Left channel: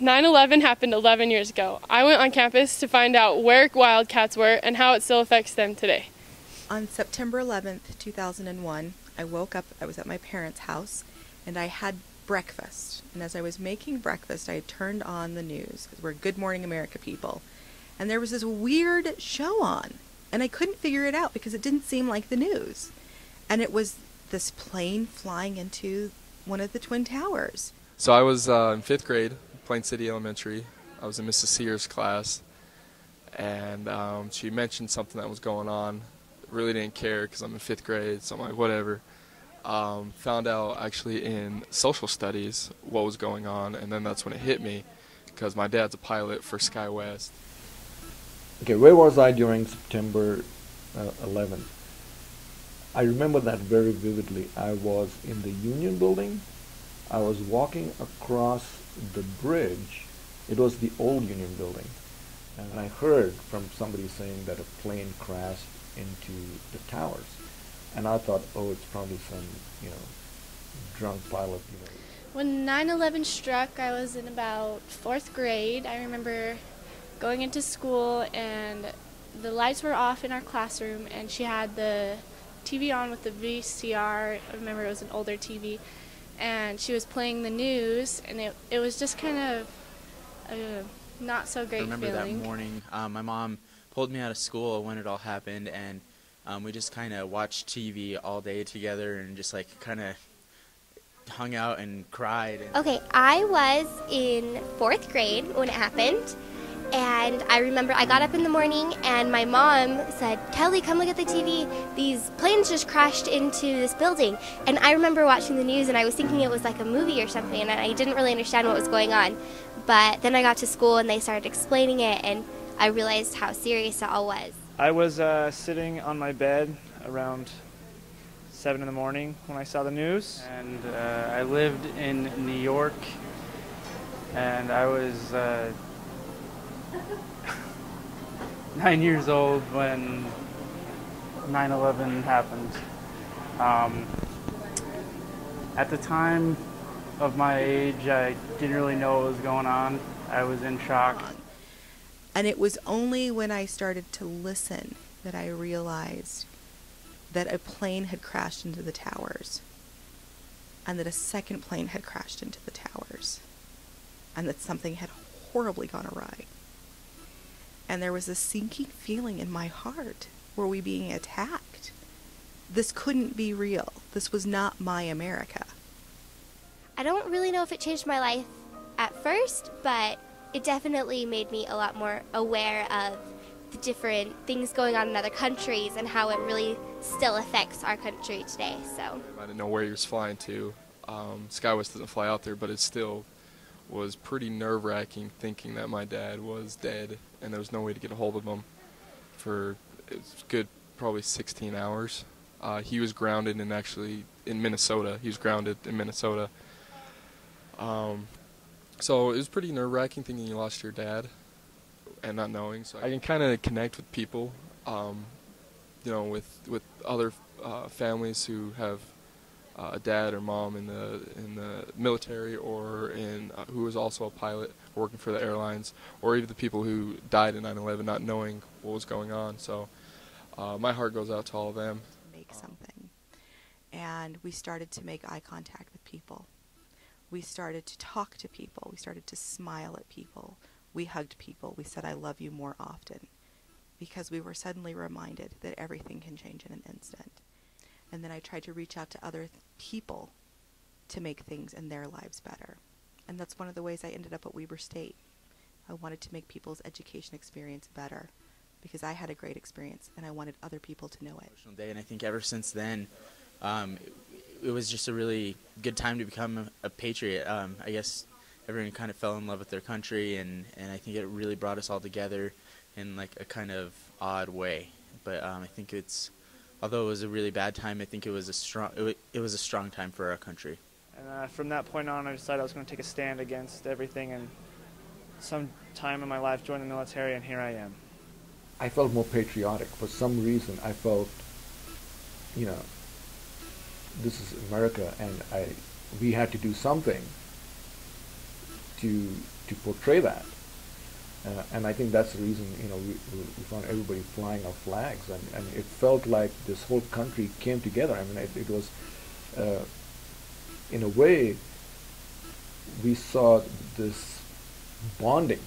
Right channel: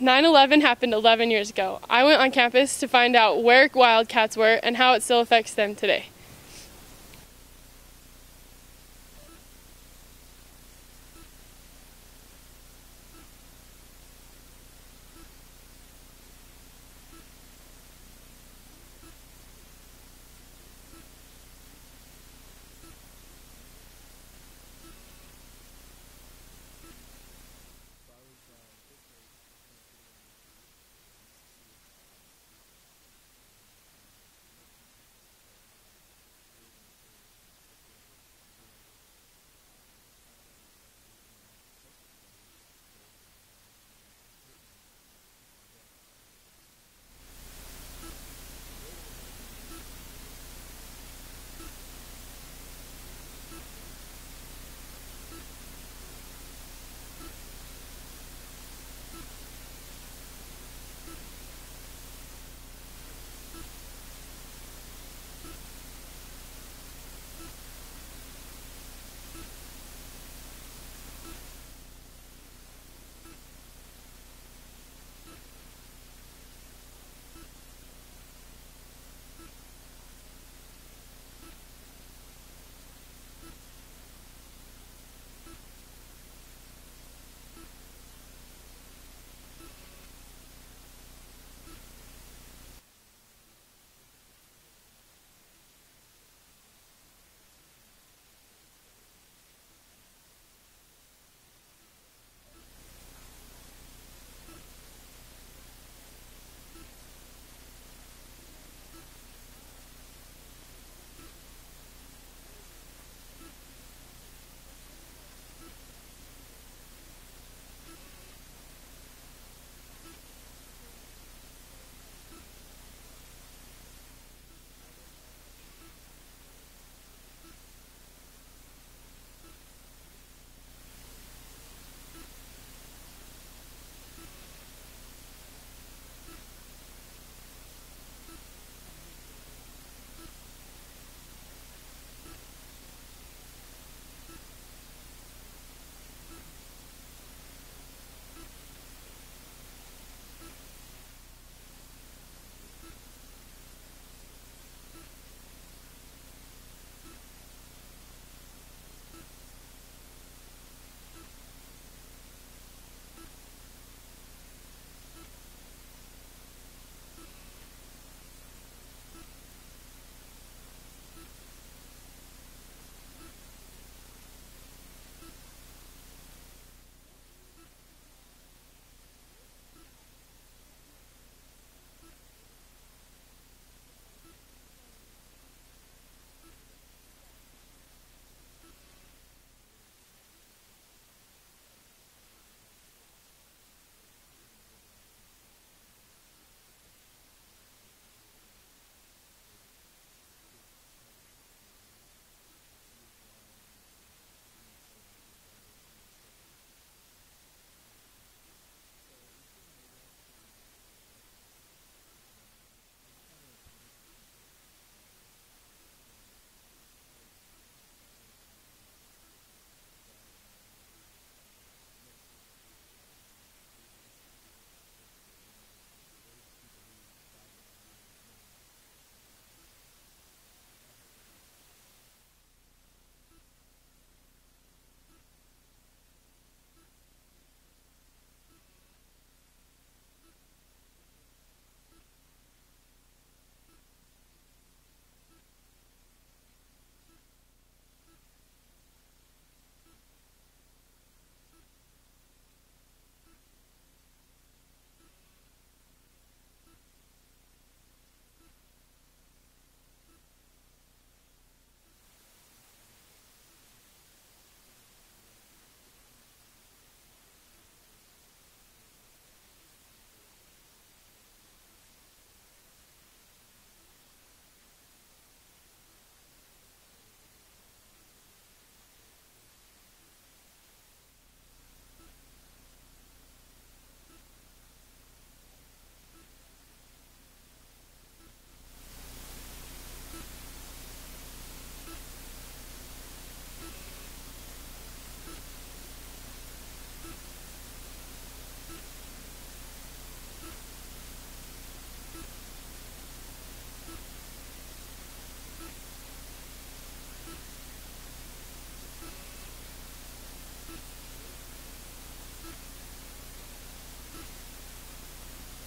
9/11 happened 11 years ago. I went on campus to find out where Wildcats were and how it still affects them today. On September 11th, 2001, I woke up, I was at my parents' house, and I had breakfast. And as I was making breakfast, I had turned on the news, because we're Good Morning America people, and there was this weird show on, and I couldn't figure it out because it didn't seem like the news. And it was this plane flying into one of the Twin Towers. So I was in 5th grade, Plain City Elementary. I was in Mrs. Sears' class, and she mentioned something that was going on. Really didn't care because I'm in 5th grade, so I'm like, whatever. Found out actually in social studies what was going on, and then that's when it hit me because my dad's a pilot for SkyWest. Okay, where was I during September 11th? I remember that very vividly. I was in the Union Building. I was walking across the bridge. It was the old Union Building. And I heard from somebody saying that a plane crashed into the towers. And I thought, oh, it's probably some, drunk pilot. When 9/11 struck, I was in about 4th grade. I remember going into school and the lights were off in our classroom and she had the TV on with the VCR. I remember it was an older TV. And she was playing the news, and it was just kind of a not so great feeling. I remember that morning, my mom pulled me out of school when it all happened, and we just kind of watched TV all day together and just like kind of hung out and cried. Okay, I was in 4th grade when it happened, and I remember I got up in the morning and my mom said, "Kelly, come look at the TV. These planes just crashed into this building." And I remember watching the news and I was thinking it was like a movie or something, and I didn't really understand what was going on. But then I got to school and they started explaining it, and I realized how serious it all was. I was sitting on my bed around 7 in the morning when I saw the news, and I lived in New York, and I was 9 years old when 9/11 happened. At the time of my age, I didn't really know what was going on. I was in shock. And it was only when I started to listen that I realized that a plane had crashed into the towers, and that a second plane had crashed into the towers, and that something had horribly gone awry. And there was a sinking feeling in my heart. Were we being attacked? This couldn't be real. This was not my America. I don't really know if it changed my life at first, but it definitely made me a lot more aware of the different things going on in other countries and how it really still affects our country today. So I didn't know where he was flying to. SkyWest doesn't fly out there, but it still was pretty nerve-wracking thinking that my dad was dead and there was no way to get a hold of him for it was good probably 16 hours. He was grounded in Minnesota. He was grounded in Minnesota. So it was pretty nerve-wracking thinking you lost your dad and not knowing. So I can kind of connect with people, with other families who have a dad or mom in the military, or who was also a pilot working for the airlines, or even the people who died in 9/11 not knowing what was going on. So my heart goes out to all of them. Make something. And we started to make eye contact with people. We started to talk to people. We started to smile at people. We hugged people. We said, "I love you" more often, because we were suddenly reminded that everything can change in an instant. And then I tried to reach out to other people to make things in their lives better. And that's one of the ways I ended up at Weber State. I wanted to make people's education experience better because I had a great experience and I wanted other people to know it. And I think ever since then, it was just a really good time to become a patriot. I guess everyone kind of fell in love with their country, and I think it really brought us all together in like a kind of odd way. But I think although it was a really bad time, I think it was a strong time for our country. And from that point on, I decided I was going to take a stand against everything, and some time in my life joined the military, and here I am. I felt more patriotic. For some reason, I felt, this is America, and we had to do something to to portray that. And I think that's the reason, you know, we found everybody flying our flags, and it felt like this whole country came together. I mean, it was, in a way, we saw this bonding